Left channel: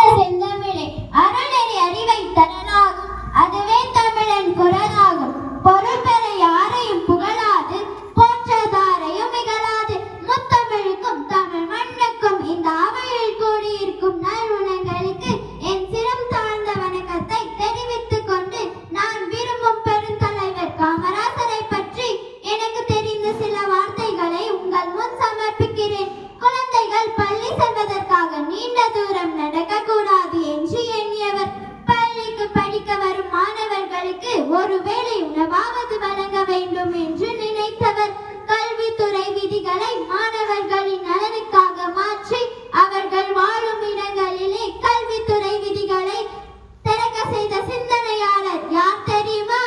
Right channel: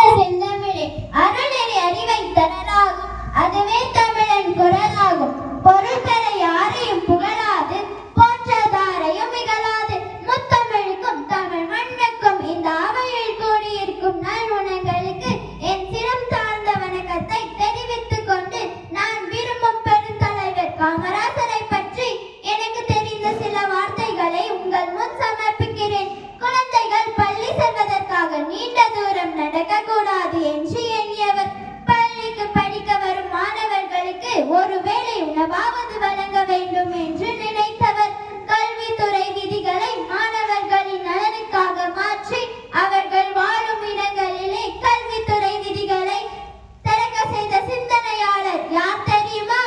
செந்தமிழே அருளறி அறிவை தரலாகும், அதுவே தமிழன் குரலாகும். பொருள் பெற யாரையும் புகழாது, போற்றதாரையும் இகழாது. முத்தமிழுக்கும் தமிழ் மண்ணுக்கும் இந்த அவையில் கூடியிருக்கும் நல்குணங்களுக்கு என் சிரம் தாழ்ந்த வணக்கத்தை தெரிவித்துக் கொண்டு, நான் விரும்பும் பெருந்தலைவர் காமராசரை பற்றி எனக்கு தெரிந்த சில வார்த்தைகளை உங்கள் முன் சமர்ப்பிக்கிறேன். குழந்தைகள் பள்ளி செல்வதற்காக நீண்ட தூரம் நடக்க கூடாது என்று எண்ணியவர். பள்ளிக்கு படிக்க வரும் மாணவர்களுக்கு ஒருவேளை உணவாவது வழங்க வேண்டும் என்று நினைத்தவர். கல்வித்துறை விதிகளை மாணவர்களின் நலனுக்காக மாற்றி அவர்கள் வாழும் இடங்களிலே கல்வித்துறை விதிகளை திறக்க செய்த சிந்தனையாளர் யார் தெரியுமா?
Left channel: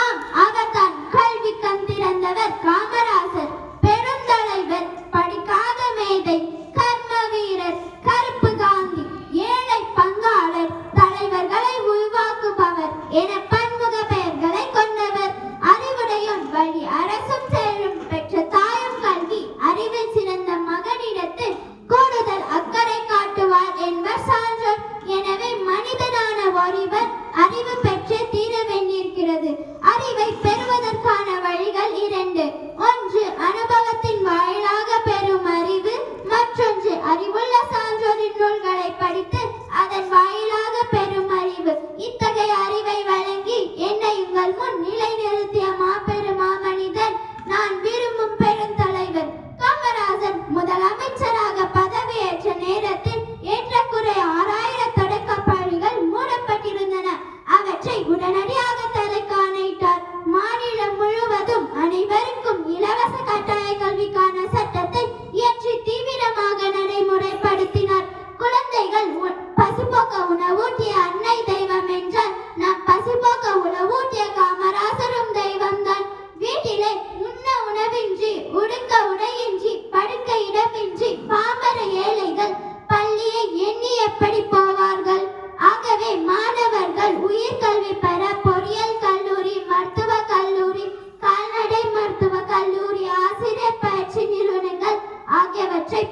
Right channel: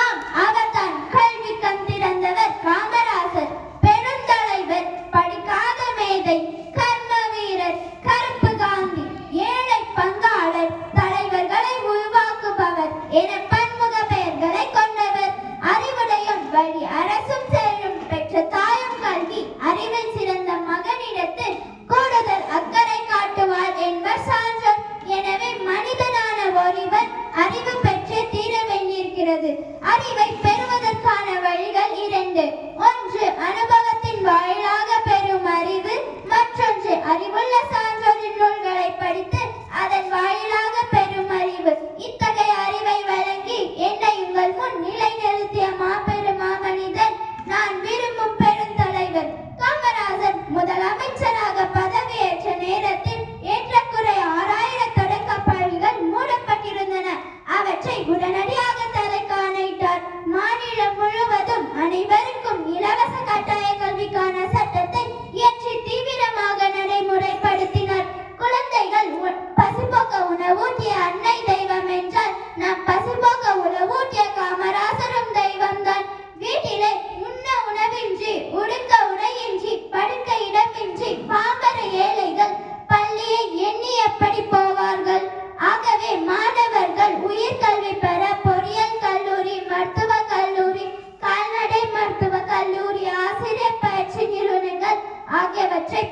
ஆம், அவர்தான் கல்வி கண் திறந்தவர் காமராசர். பெருந்தலைவர், படிக்காத மேதை, கர்ம வீரர், கருப்பு காந்தி, ஏழை பங்காளர், தலைவர்களை உருவாக்குபவர் என பன்முக பெயர்களை கொண்டவர். அறிவுடையோன் வழி அரசும் செல்லும், பெற்ற தாயும் கல்வி, அறிவில் சிறந்த மகனிடத்து கூடுதல் அக்கறை காட்டுவார் என்பர் சான்றோர். எனவே மனிதனான ஒருவர் அறிவு பெற்றே தீரவென்றிருக்கிறது. அறிவை பெறுவதற்கான வழிகள் இரண்டு. ஒன்று அனுபவத்தின் வாயிலாக பெறும் அறிவு, மற்றொன்று அறிவுள்ள சான்றோரின் நூல்களை படித்து அதன் வாயிலாக பெறும் அறிவு. இத்தகைய அறிவை வழங்கி என்னை உங்கள் முன் நிலைநிறுத்திய மாபெரும் மாமனிதன் நான் விரும்பும் பெருந்தலைவர் காமராஜர். முதலமைச்சராக பதவியேற்ற நேரத்தில் ஏற்றக்குறை 6000 தொடக்கப் பள்ளிகள் மூடப்பட்டிருந்தன. அவற்றை உடனடியாக தலைக்காணிட்டார். மாநிலம் முழுவதும் அனைவருக்கும் இலவச கட்டாய கல்விக்கான சட்டத்தை இயற்றி தீவிரமாக நடைமுறைப்படுத்தினார். குழந்தைகள் பசிபோக்க உணவூட்டிய அன்னை தெய்வம் என்றால் நாம் பசிபோக்க உணவூட்டிய காமராசரும் தெய்வம்தான். வீட்டிலே உண்ண உணவின்றி, உடுக்க உடையின்றி, படுக்க இடமின்றி பாமர ஏழைகள் பள்ளியை எண்ணி எப்படி போவார்கள்? ஆகவே மாணவர்கள் உயர்கல்வி பெற பொறியியல் கல்லூரி, மருத்துவ கல்லூரி, கால்நடை மருத்துவ கல்லூரி, ஆசிரியர் பயிற்சி நிறுவனங்கள் ஆகியவற்றை